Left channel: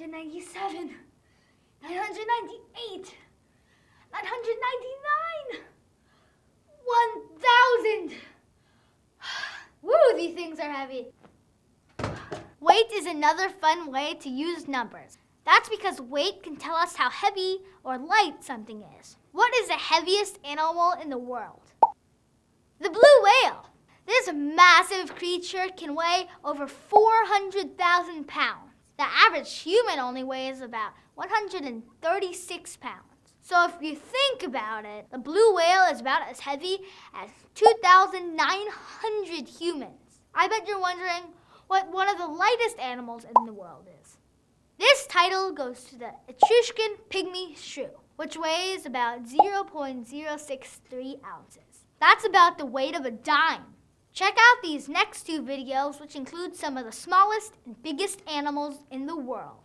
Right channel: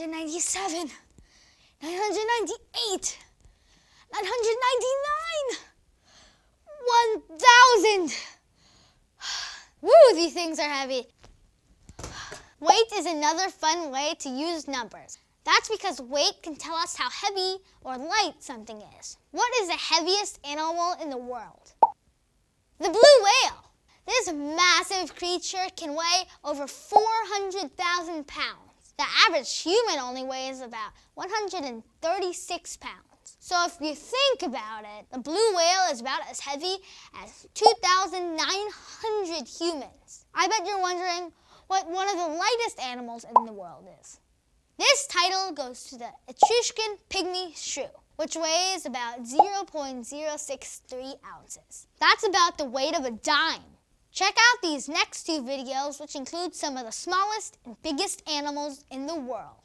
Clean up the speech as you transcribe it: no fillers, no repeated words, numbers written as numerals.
997, 998, 999, 1,000. Woo, these things are heavy. Weight is another fun way to use numbers. That's because weight can tell us how heavy or light something is. What is the heaviest animal in the world? The blue whale. This massive creature can weigh over 400,000 pounds. The average human only weighs about 136 pounds. So if you think about it, the blue whale is about as heavy as 2,900 humans. I bet you're wondering what one of the lightest animals in the world is. This title goes to the Etruscan Pygmy Shrew, which weighs about 0.063 ounces. That's about the weight of a dime. Check out these next two videos, which include some of the smallest and biggest animals in the world.